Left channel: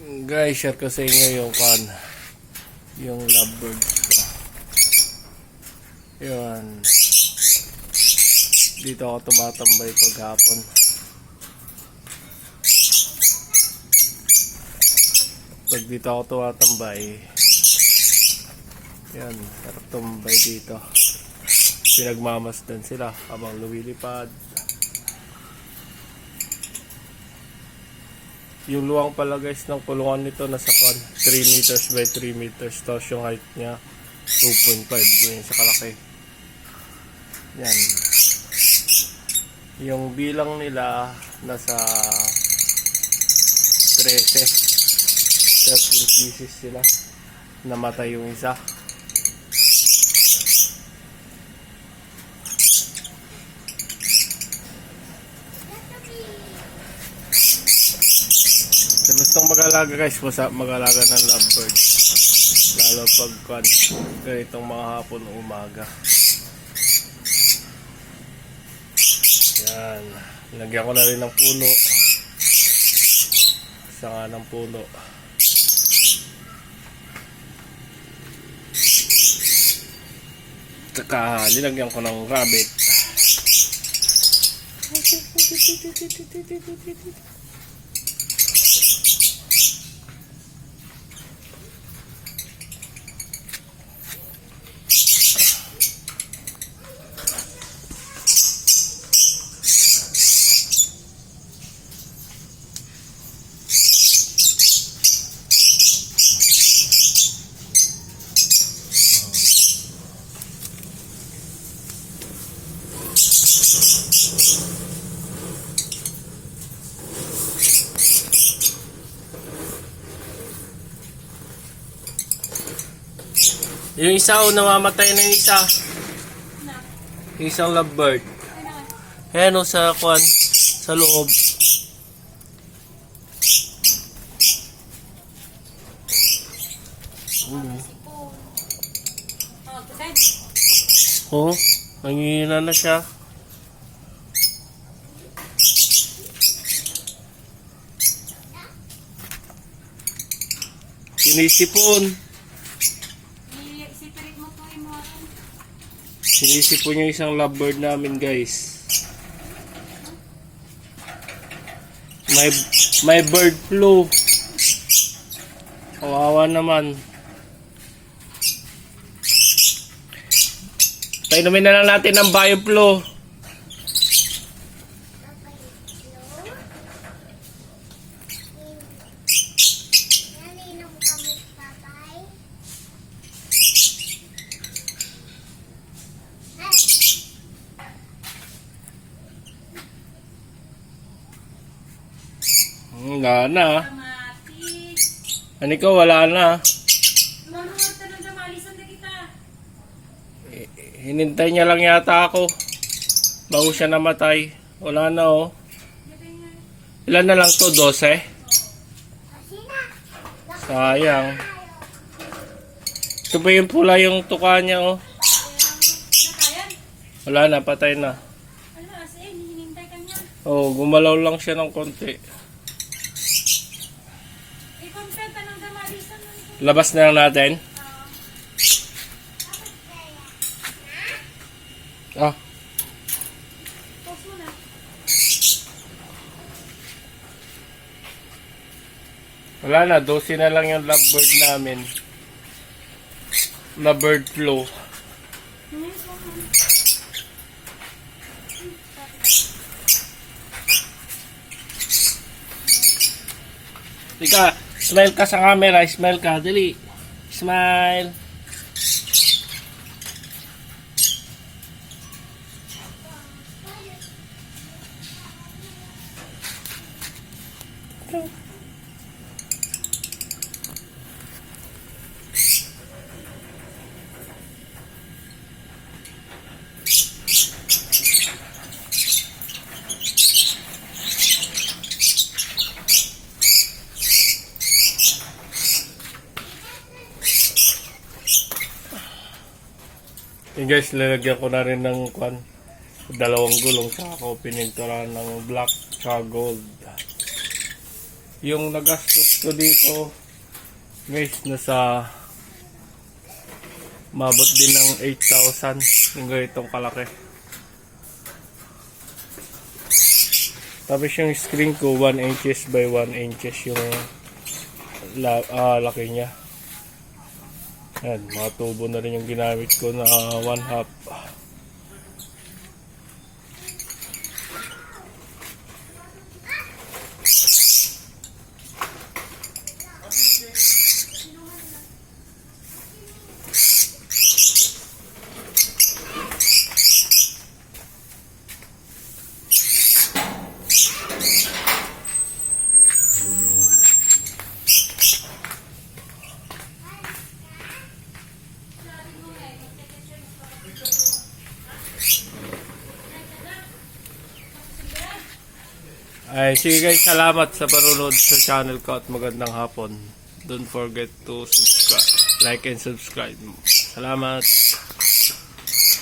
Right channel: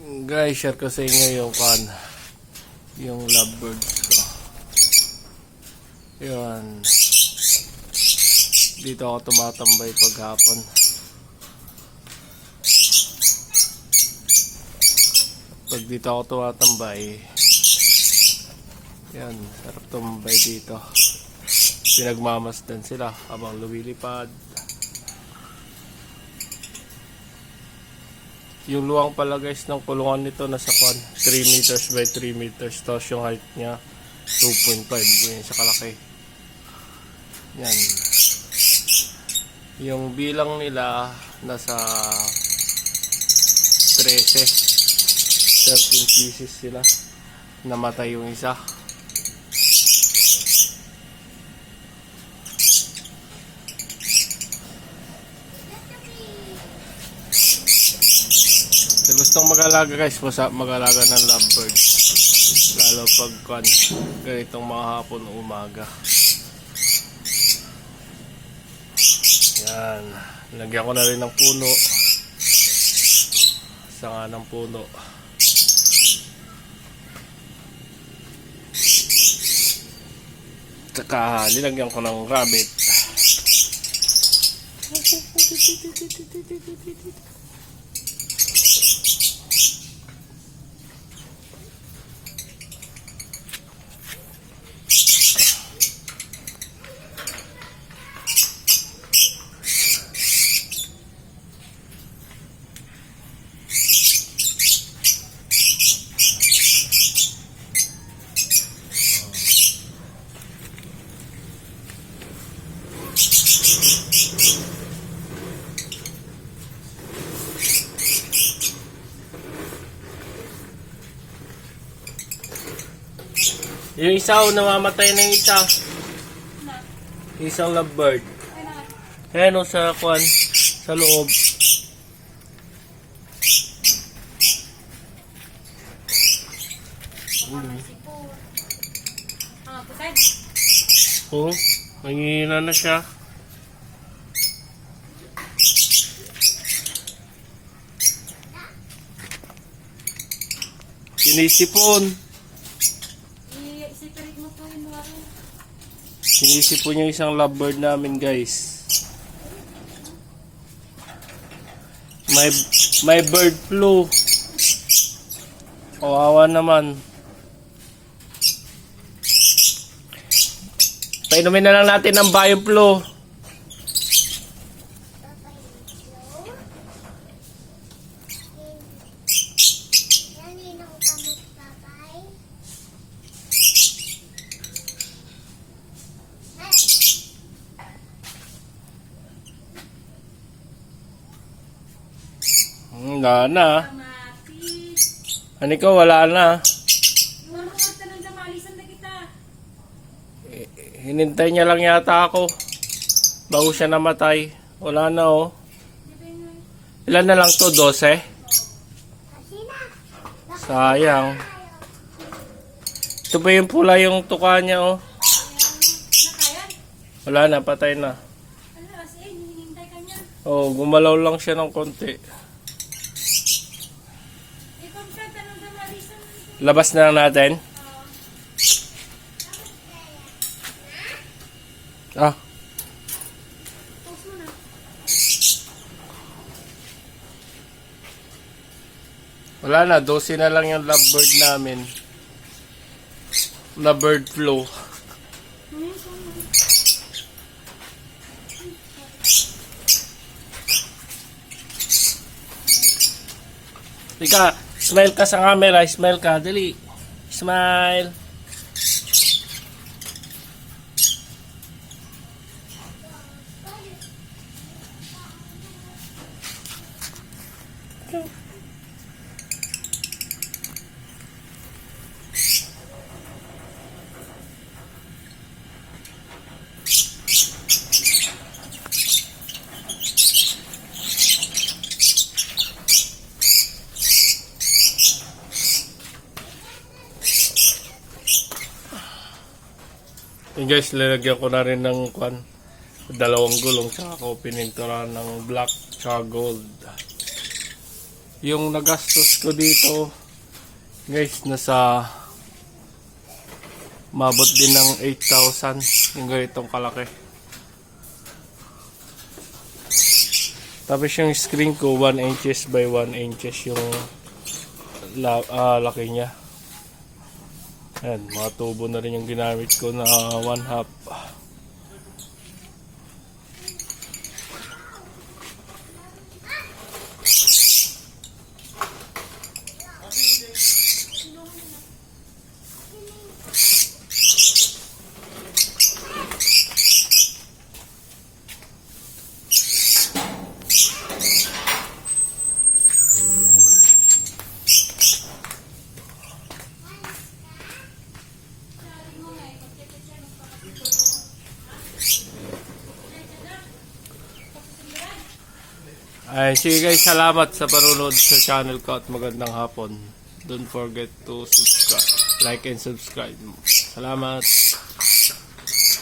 Guys, share ko sa inyo yung lovebirds ko. Yun. Dito ako tumatambay paghapon. Pag dito ako tumatambay, yan, sarap tumambay dito. Pinagmamasdan sila habang lumilipad. Yung luwang pala guys ng kulungan nito nasa 3 meters by 3 meters. Tapos yung height niya 2.5. Ganyan siya kalaki. Yan. Yung bilang nila nasa 13 pieces sila. Namatay yung isa. So, gustong mag-alaga guys, mag-alaga ng lovebirds. Lalo pag ganitong mga hapon o umaga. Yan. Lagyan ko na rin ng puno. Sanga ng puno. Saka linagyan ko ng rabbit. Yung isa namamatay na yung isa. Yung isang lovebird. Ayan o sa sa loob. Oh, nangihina na siya. Sinisipon. Sinisipon yung isang lovebird namin guys. May bird flu. Kawawa naman. Painumin na lang natin ng bioflu. Wala na. Ano ko, wala na. Hinintay niya lang yata ako bago siya namatay. Wala na oh. Ilan na lang to? 12? Sayang. Ito ba yung pula yung tuka niya oh? Wala na, patay na. Oh, gumalaw lang siya ng konti. Labas na lang natin. Ah. Wala na, 12 na lang yung lovebird namin. Na bird flu. Ika, smile ka sa camera, smile ka, dali. Smile. Yung guys, lalagyan ko na rin ng dalawang gulong, tsaka ako pinintura ng black tsaka gold. Yung nagastos ko dito, guys, nasa mabot din ng 8,000 yung ganitong kalaki. Tapos yung screen ko 1 inches by 1 inches yung laki niya. Ayan, mga tubo na rin yung ginamit ko na 1/2. Ay, sige guys, salamat sa panunod sa channel ko at magandang hapon. Don't forget to subscribe, like and subscribe. Salamat.